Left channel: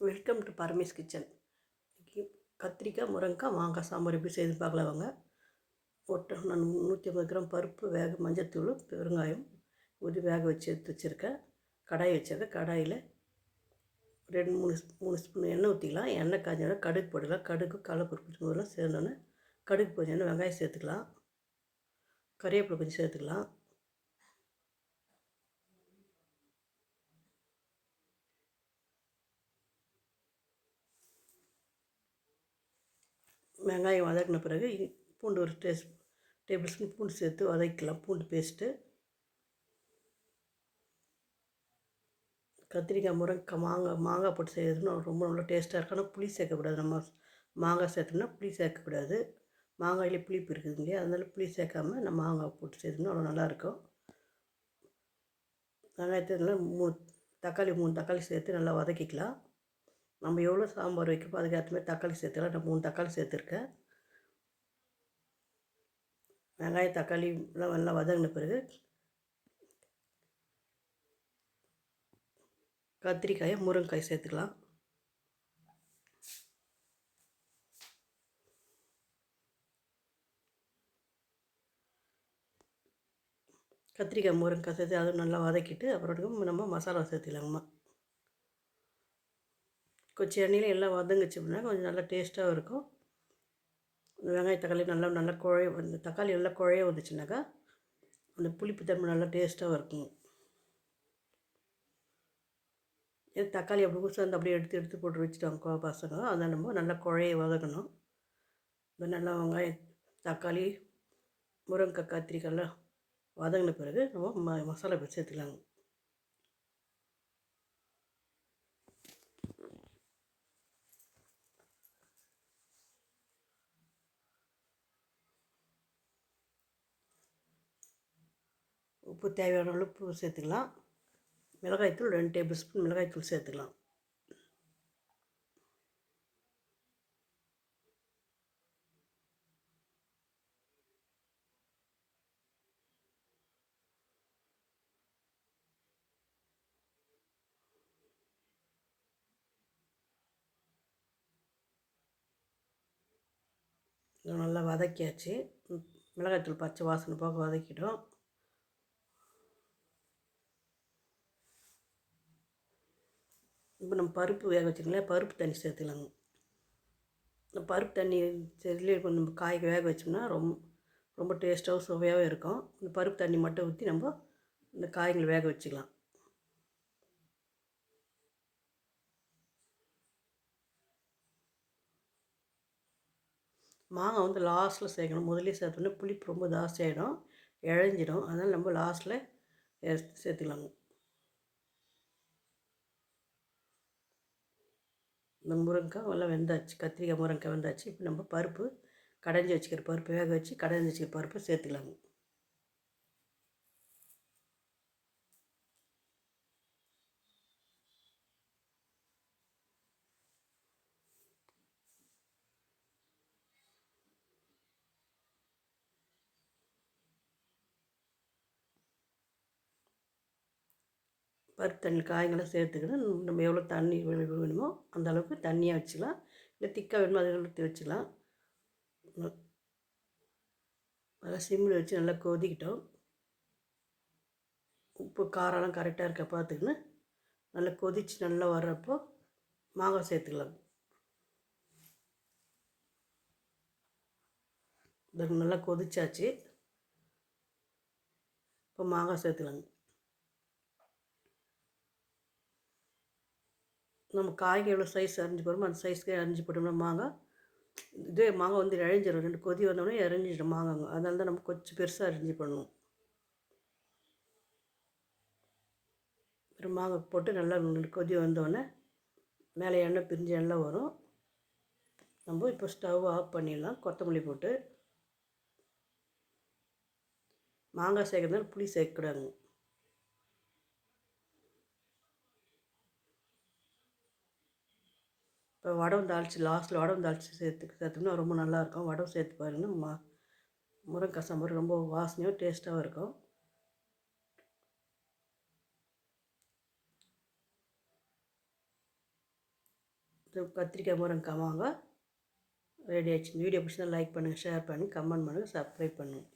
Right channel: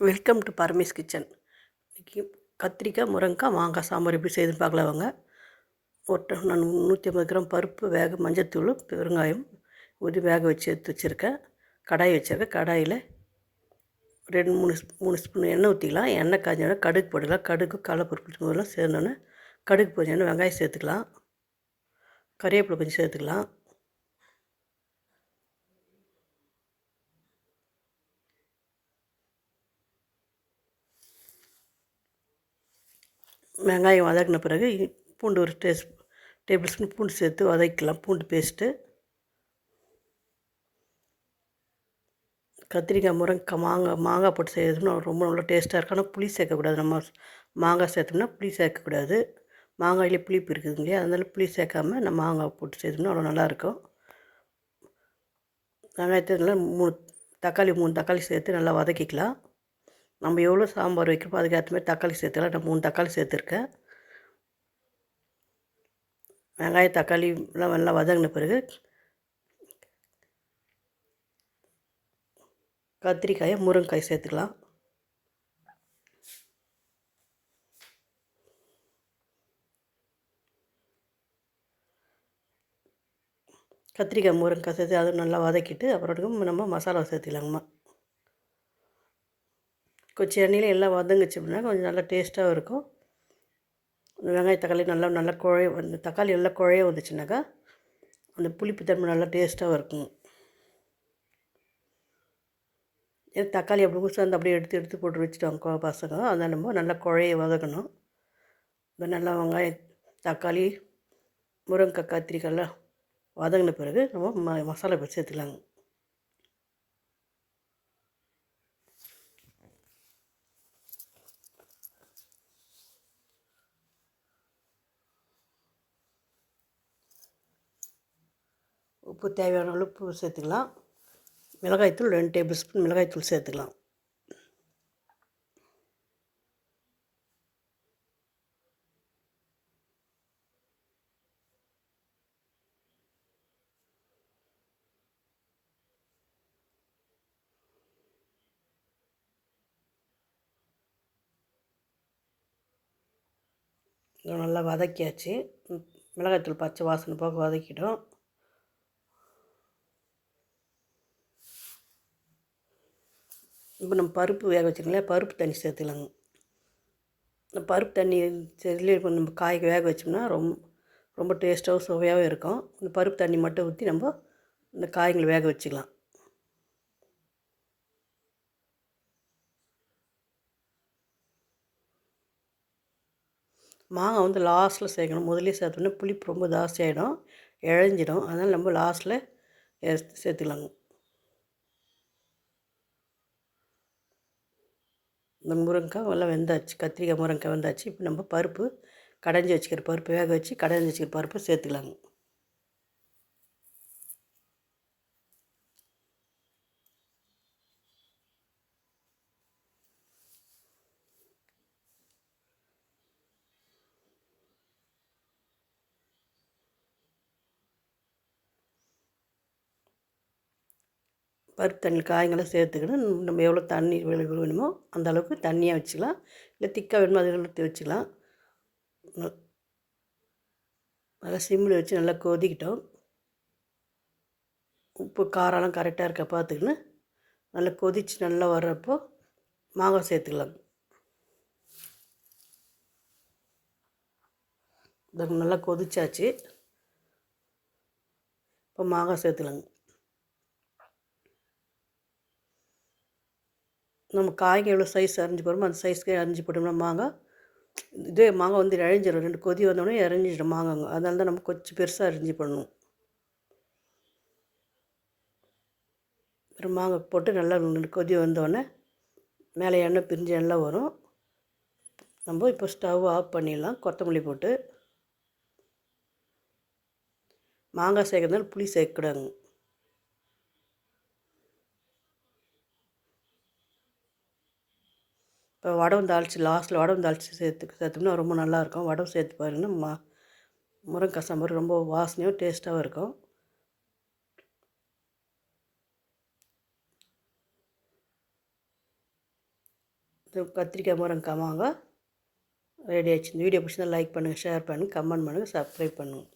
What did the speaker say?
Welcome to Paramesh kitchen. இன்றைக்கி கத்திரிக்காய் முருங்கைக்காய் மாங்காய் சாம்பார் எப்படி செய்து பார்க்கலாம் வாங்க. ஒரு நான் நூற்றி ஐம்பது கிராம் பருப்பு வேக மஞ்சத்தூள் பெருங்காயம் உதி வேக வச்சு எடுத்து வச்சுருக்கேன். கடாய் வச்சுருக்கேன். கடாயில் ரெண்டு மூணு மூணு ஸ்பூன் எண்ணெய் ஊற்றிக்கலாம் எண்ணெய் காஞ்சோன்னா கடுகு போட்டுக்கலாம். கடுகு கடலப்பருப்பு முதல்ல சேர்ந்தோன்னே கடுகு போஞ்சோன்னே வெங்காயம் சேர்த்துக்கலாம். கறிவேப்பிலை கொஞ்சம் சேர்த்துக்கலாம். வெங்காயம் வதக்கின பிறகு பூண்டு ஒரு டேஸ்ட் டேபிள் ஸ்பூன் பூண்டு சேர்த்து வதக்கிக்கலாம். பூண்டு பேஸ்ட்டு. கத்திரிக்காய் முருங்கைக்காய் மாங்காய் மாங்காய் போட்டு செய்யறதுன்னா ரொம்ப நல்லா டேஸ்ட்டாக இருக்கும். ஆனால் புளி சேர்க்கக்கூடாது. நம்ம மாங்காய் சேர்த்தோம்னா புளி சேர்க்கக்கூடாது. மாங்காயிலே புளிப்பு இருக்குது இல்லையா? அதனால புளி சேர்க்காம நம்ம மாங்காய் போட்டு செய்தோம்னா அவ்வளோ நல்லாயிருக்கும். வெங்காயத்தை நல்லா மூணு தக்காளி மூணு தக்காளி சேர்த்து நல்லா வதக்கிக்கலாம். நம்ம எவ்வளோ சாம்பார் வைக்கிறோமோ அதுக்கேற்ற மாதிரி தக்காளி சேர்த்துக்கலாம். நான் மூணு தக்காளி சேர்த்துருக்கேன். வெங்காயம் தக்காளி எல்லாம் நல்லா வதங்கின பிறகு கத்திரிக்காயை முருங்கைக்காய் சேர்த்துக்கலாம். கத்திரிக்காய் முருங்கைக்காய் சேர்த்து அதுவும் நல்லா வதக்கிட்டு அப்புறம் நம்ம மசாலா சேர்த்துக்கலாங்கம்மா கொஞ்சம் எண்ணெயில் எல்லாம் வதங்குச்சு அப்படின்னா கொஞ்சம் நல்லா டேஸ்ட்டாகவும் இருக்கும். வெங்காய தக்காளி நல்லா நல்லா குழைய வந்து தக்காளி எல்லாம் குழைய வந்துச்சுனாக்கா அந்த புளிப்பு தன்மை நல்லா டேஸ்ட்டாகவும் இருக்கும். ஏன்னா தக்காளி அப்படி ஊசி அப்படியே எடுத்து எடுத்து போட்டு வச்சுட்டாங்க பசங்க. அதை நம்ம நல்லா குழைய வதக்கணும் இப்போ நல்லா வெங்காயம் தக்காளி முருங்கைக்காய் கத்திரிக்காய்லாம் வதங்கின பிறகு நம்ம ம மசாலா போட்டு சேர்த்துக்கலாங்க. உப்பு தேவையான அளவு உப்பு சேர்த்துக்கலாம். மிளகாய்த்தூள் ரெண்டு டேபிள் ஸ்பூன் மிளகாய்த்தூள் சேர்த்துக்கலாம். நல்லா வதக்கியாச்சு. மிளகாய்த்தூள் பச்சை வாசனை போக வதக்கிட்டோம். இப்போ நம்ம பருப்பு வேக வச்சுருங்களே பருப்பு தண்ணி சேர்த்துக்கலாங்க. இந்த பருப்பு தண்ணி சேர்த்துலேயே இப்போ நம்ம காய் வேக வச்சோம்னா ரொம்ப ரொம்ப டேஸ்ட்டாகவும் சுவையாகவும் இருக்கும். இந்த பருப்பு தண்ணி மட்டும் ஊற்றி நம்ம இந்த காய்களை வேக வச்சுக்கலாம். மாங்காய் வந்து லாஸ்ட்டில் சேர்க்கணும். முதலே சேர்த்தோன்னா புளிப்பு ரொம்ப ஜாஸ்தியாகிடும் இழஞ்சிடும். அதனால் நம்ம லாஸ்ட்டில் சேர்த்துக்கலாங்க. இந்த முருங்கைக்காய் எல்லாம் வெந்தாச்சு கத்திரிக்காய் முருங்கைக்காய் வெந்தாச்சு. இப்போ நம்ம பருப்பு கடைஞ்சி வச்சுக்கிற பருப்பு வேக வச்சு கடைஞ்சி வச்சுக்கிற பருப்பு சேர்த்துக்கலாங்க. பருப்பு தண்ணி காய்களை சேர்த்துக்கிட்டு நம்ம எவ்வளோ தண்ணி வேணுமோ அந்த அளவுக்கு தண்ணியாக வச்சுக்கலாம். இல்லை திக்காக வேணுமோ அதை ஊற்றி வச்சுக்கலாம். நல்லா சிம்மில் வச்சு நல்லா கொதிக்கிட்டோம். உப்பு காரம்லாம் கரெக்டாக இருக்க பார்த்துக்கின்னு நல்லா கொதித்து நல்லா வர்றப்போ மாங்காய் சேர்த்துக்கலாம். நல்லா கொதிச்சாச்சு. இப்போ மாங்காய் சேர்த்துலாங்க. நம்ம காய்ங்க எவ்வளோ சைஸ் அரிஞ்சு போடுறோமோ அந்த சைஸ்க்கு அரிஞ்சு போட்டோம்னா மாங்காய் இதே மாங்காய் வந்து இழைஞ்சிடும் ரெண்டு கொதி வந்தோடனே இறஞ்சிடும் மாங்காங்க அதனால தான் நம்ம கொஞ்சம் பெருசாக அரிஞ்சு பண்ணணும் அப்புறம் மாங்காய் போட்டு நல்லா ரெண்டு கொதி வந்தோடனே மேலே எண்ணெய் பிரிஞ்சு எண்ணெய் வரும். நம்ம இப்போ ஸ்டவ் ஆஃப் பண்ணிடலாம். கொத்தமல்லி போட்டு. மாங்காய் சேர்க்கறதுனால புளி சேர்க்கக்கூடாதுங்க இப்போ வடம் தாளித்து லாஸ்ட்டில் வடம் தாளித்து சேர்த்து சேர்த்தோம்னா ரொம்ப நல்லாயிருக்கும். வடம் சேர்த்து பாருங்கன்னா மா முருங்கைக்காய் சாம்பார் ரொம்ப வாசனையும் டேஸ்ட்டாகவும் இருக்கும். கத்திரிக்காய் முருங்கை கமாங்க ரெடி ஆச்சு இந்த வீடியோ பிடிச்சிருந்தா லைக் பண்ணுங்கள் ஷேர் பண்ணுங்கள் கமெண்ட் பண்ணுங்கள் சப்ஸ்கிரைப் பண்ணுங்கள்